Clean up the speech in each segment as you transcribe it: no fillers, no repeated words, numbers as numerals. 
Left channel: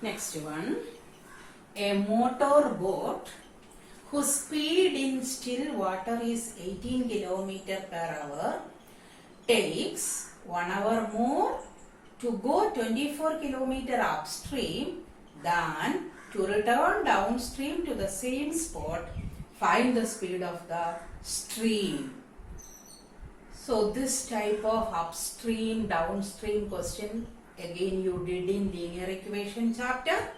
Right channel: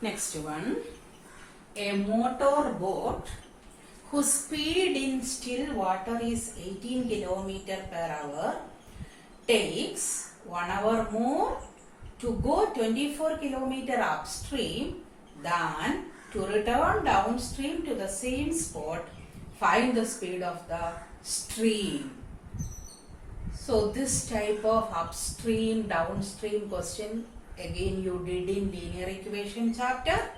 Next one. A motor boat whose speed in still water is 18 km per hour takes 1 hour more to go 24 km upstream than to return downstream to the same spot. Find the speed of the stream. So this type of upstream downstream question again you did in linear equation chapter.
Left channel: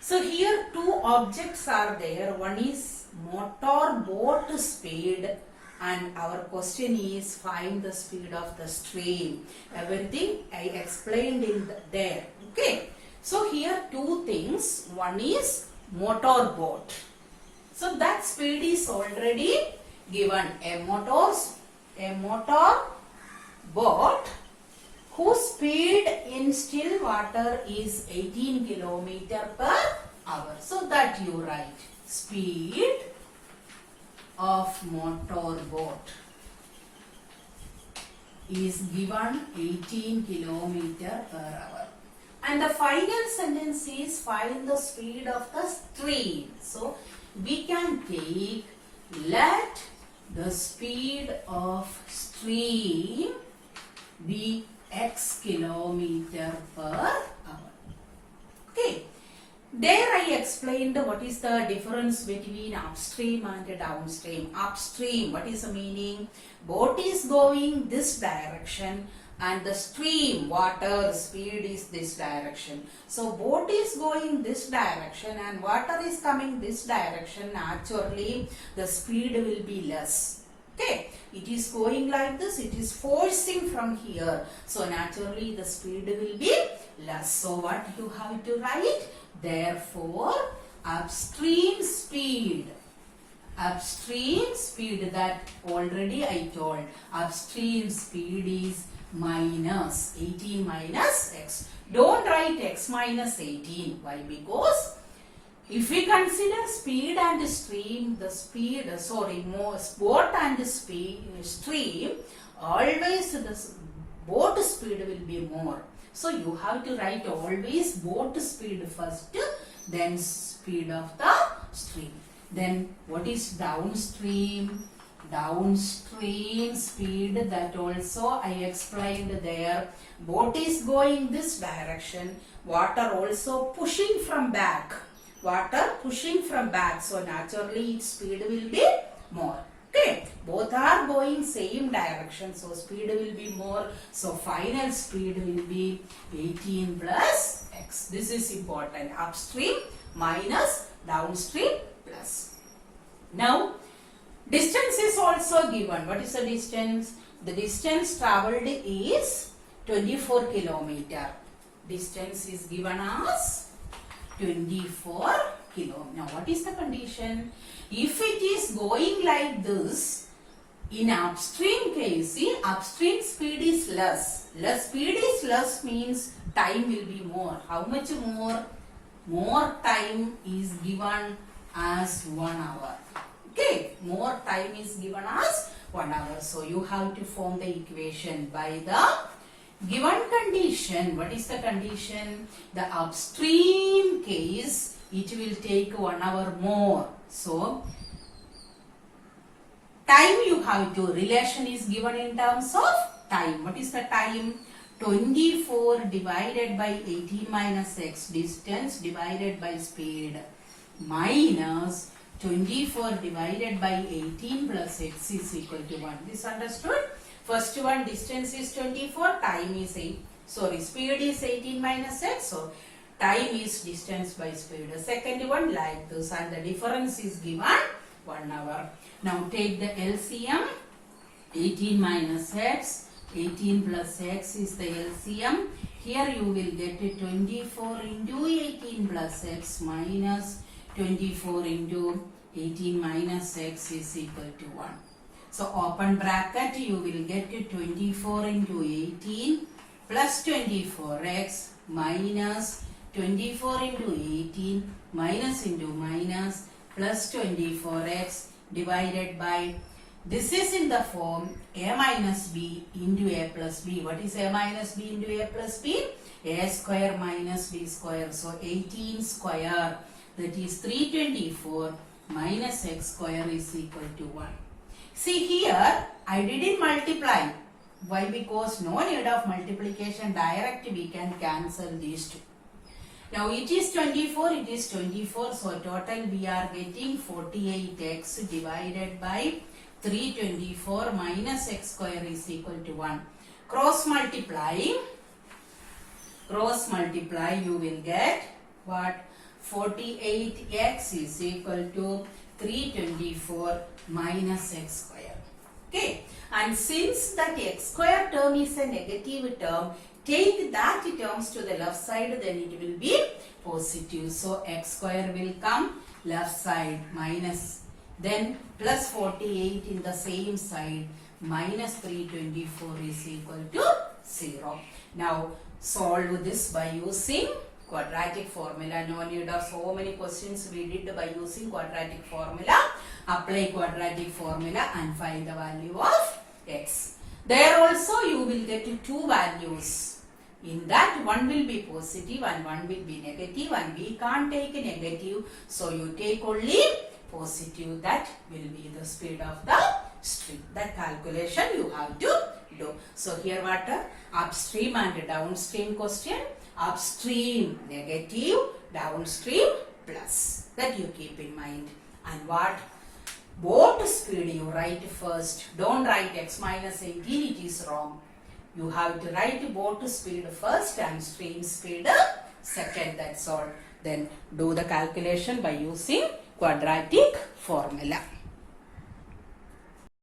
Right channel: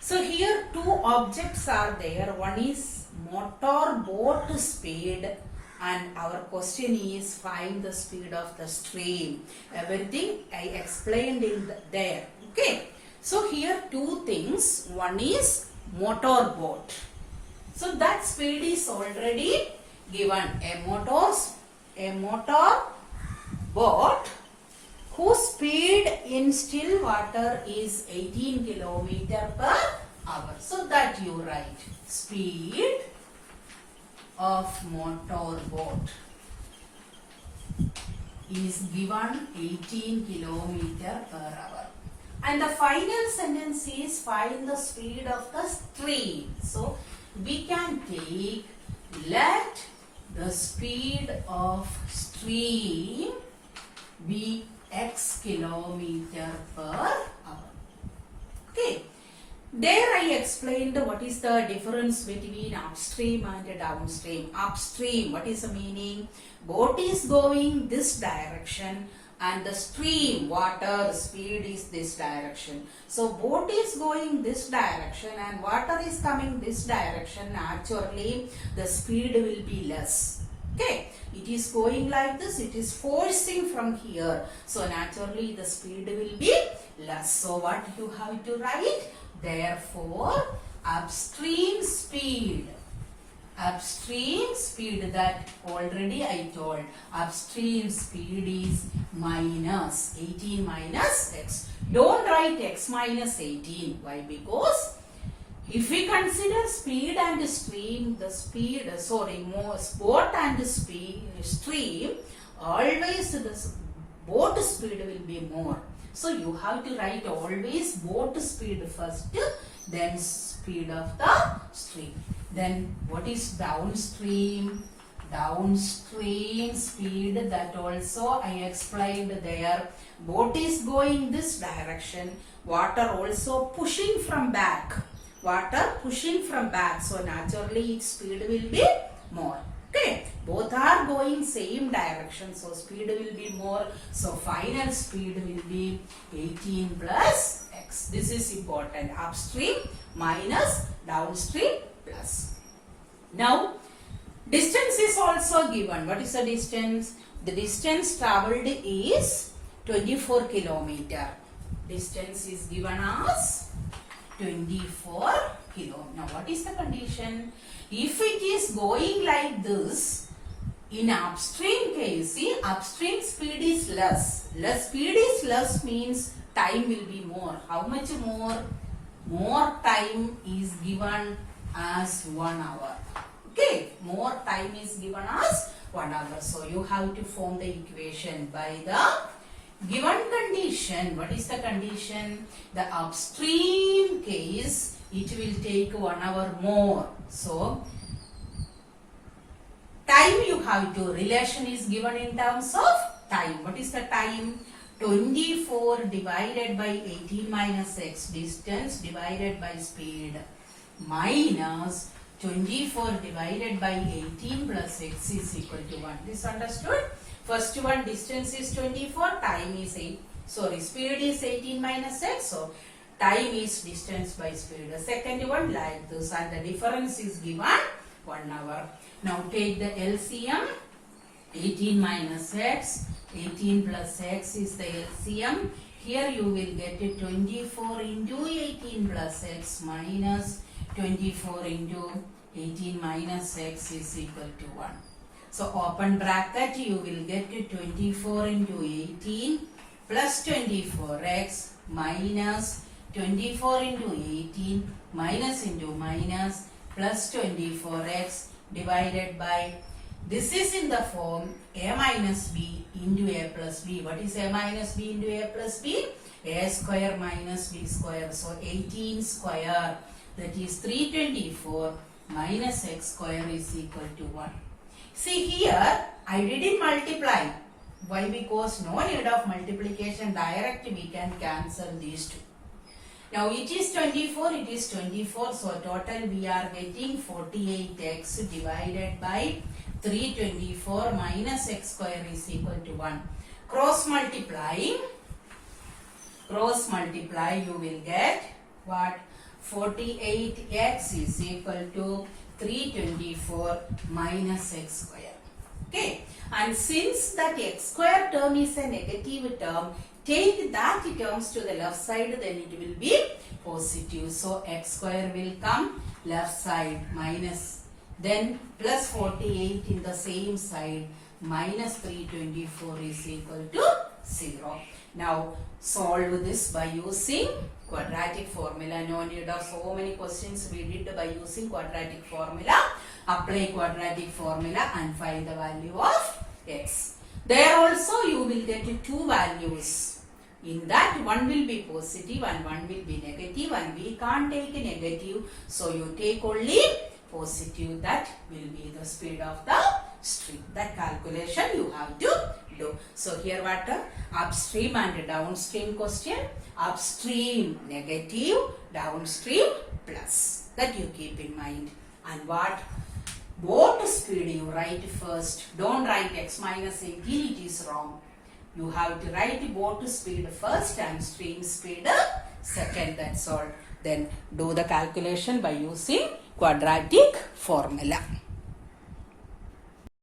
So here two objects are there. One is motor boat speed and our question is find the speed of the stream. Everything I explained in there. Okay. So here two things. One is motor boat. So that speed is already given. A motor boat whose speed in still water is 18 km per hour. So that you write speed of motor boat is given 18 km per hour. And the final sentence is find the speed of the stream. So we can take let the speed of stream be x kilometer per hour. Okay. There I explained what is the difference between upstream and downstream. Upstream, what is the meaning? Boat is going this direction and the stream, water speed is this direction. So boat is going this direction and water is coming this direction. Naturally, the speed will be less. Okay. It is going like this, it is forcing from here. So naturally the speed will be less. So what you have to write? Therefore, upstream speed that already I told. Upstream speed is minus 18 minus x. Don't write x minus 18. Why? Because if we consider speed and stream, boat and stream, always the boat speed will be more. So you have to write always boat speed first, then speed of the stream. Then what is downstream? Downstream speed, that also I explained there. Boat is going this direction, water also pushing from back. So naturally its speed will be more. Okay, both are going same direction, so speed will be more. So final speed will be 18 plus x. This is important. Upstream minus downstream plus. Now distance is also given. What is the distance? The distance travelled is 24 km. Distance is given as 24 km. Now what is the condition? If it is going like this, in upstream case, see, upstream speed is less. Speed is less means time will be more. How much more? More time is given as 1 hour. Okay, more time is given as 1 hour. So you have to form the equation by the given condition. What is the condition? The upstream case, it will take 1 hour more. So time you have to, relation is given in terms of time. What is the time? 24 divided by 18 minus x, distance divided by speed, minus 24 divided by 18 plus x is equal to 1. This understood? First one, distance is 24, time is 8. Speed is 18 minus x. So time is distance by speed. The second one like this, and the difference is given 1 hour. Now take the LCM. 18 minus x, 18 plus x is the LCM. Here you will get 24 into 18 plus x minus 24 into 18 minus x is equal to 1. So open bracket, you will get 24 into 18 plus 24x minus 24 into 18 minus into minus plus 24x divided by This is in the form a minus b into a plus b. What is a minus b into a plus b? A square minus b square. So 18 square, that is 324 minus x square is equal to 1. See here, I didn't multiply. Why? Because no need of multiplication. Direct we can cancel these two. Now it is 24, it is 24. So total we are getting 48x divided by 324 minus x square is equal to 1. Cross multiply, you will get what? 48x is equal to 324 minus x square. Okay, and since that x square term is a negative term, take that terms to the left side, then it will be positive. So x square will come left side minus, then plus 48 in the same side, minus 324 is equal to 0. Now solve this by using quadratic formula. No need of so many questions we did by using quadratic formula. Apply quadratic formula and find the value of x. There also you will get two values. In that one will be positive and one will be negative, and we can't take a negative, so you take only positive. That will be the speed of the stream. That calculation you have to do. So here what? Upstream and downstream question. Upstream negative, downstream plus. That you keep in mind. And what? Boat speed you write first. Don't write x minus 18, it is wrong. You have to write boat speed first and stream speed second. That's all. Then do the calculation by using quadratic formula.